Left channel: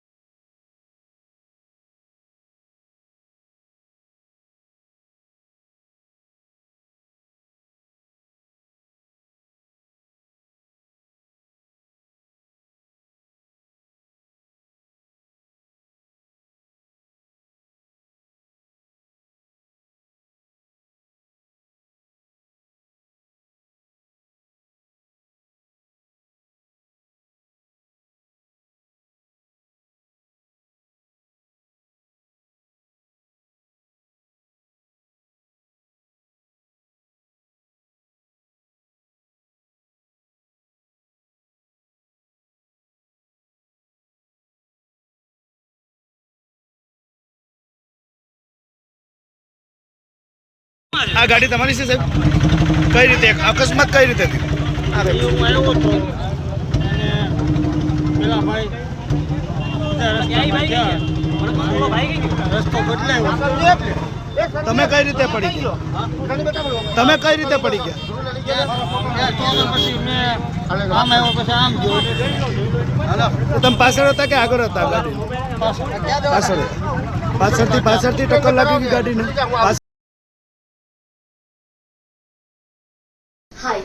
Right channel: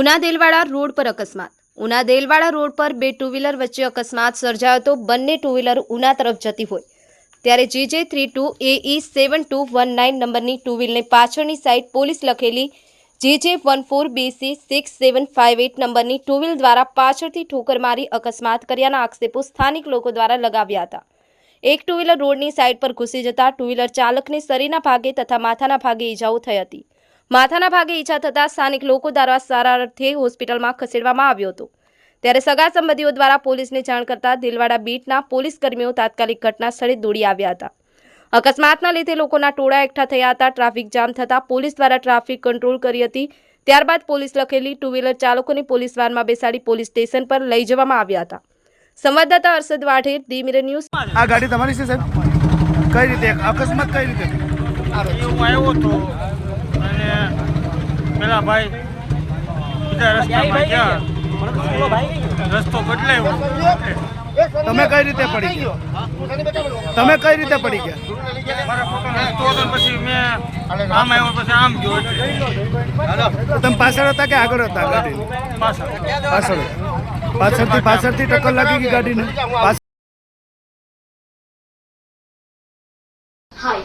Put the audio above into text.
Una Delwada road પર અકસ્માત. Una Delwada road પર બે ટુ વ્હીલર વચ્ચે અકસ્માત સર્જાયો હતો બંને ટુ વ્હીલર ઉના તરફ જતી હોય. ત્યારે GJ three two AE seven two one nine નંબરની ટુ વ્હીલને પાછળની સાઈડ પોલીસ લખેલી GJ one four BC six seven five eight નંબરની ટુ વ્હીલ દ્વારા પાછળથી ઠોકર મારી અકસ્માત કર્યાના આક્ષેપો સ્થાનિક લોકો દ્વારા લગાવ્યા હતા. એક ટુ વ્હીલર રોડની સાઈડ પર ઘૂસી જતા ટુ વ્હીલર ચાલકને શરીરના ભાગે તથા માથાના ભાગે ઈજાઓ થઈ હતી. માથાના ભાગે ઈજા થતાં સ્થાનિક લોકો દ્વારા સારા અર્થે હોસ્પિટલમાં ખસેડવામાં આવ્યો હતો. ત્યારે સગા સંબંધીઓ દ્વારા પોલીસને જાણ કરતા દિલવાડા બીટના પોલીસ કર્મીઓ તાત્કાલિક ઘટના સ્થળે દોડી આવ્યા હતા. અકસ્માતના લીધે લોકોના ટોળા એકઠા થયા હતા. ટ્રાફિક જામ થતાં પોલીસ દ્વારા ટ્રાફિક કંટ્રોલ કરી હતી. ત્યારબાદ પોલીસ લખેલી ટુ વ્હીલર ચાલકોને પોલીસ વાનમાં બેસાડી પોલીસ સ્ટેશન પર લઈ જવામાં આવ્યા હતા. સંવાદદાતા Arshad Vadher the Mirror News. આ ગાડી તમારી છે સાહેબ? કઈ રીતે અકસ્માત કઈ રીતે હું આવ્યો હતો પેલા ભાઈ. બીજા રસ્તામાં ગયા. રસ્તો બદલાયો. તમે કઈ રીતે પડી ગયા? તમે કઈ રીતે પડી ગયા? મારા પછી મેં આમ આવ્યો પછી આમ ગયો તમે પાછળ હતા કે આગળ હતા ગાડી પાછળ. પાછળ પાછળથી પાછળથી ટક્કર લાગી ગઈ ગાડીને? પાછળ હાય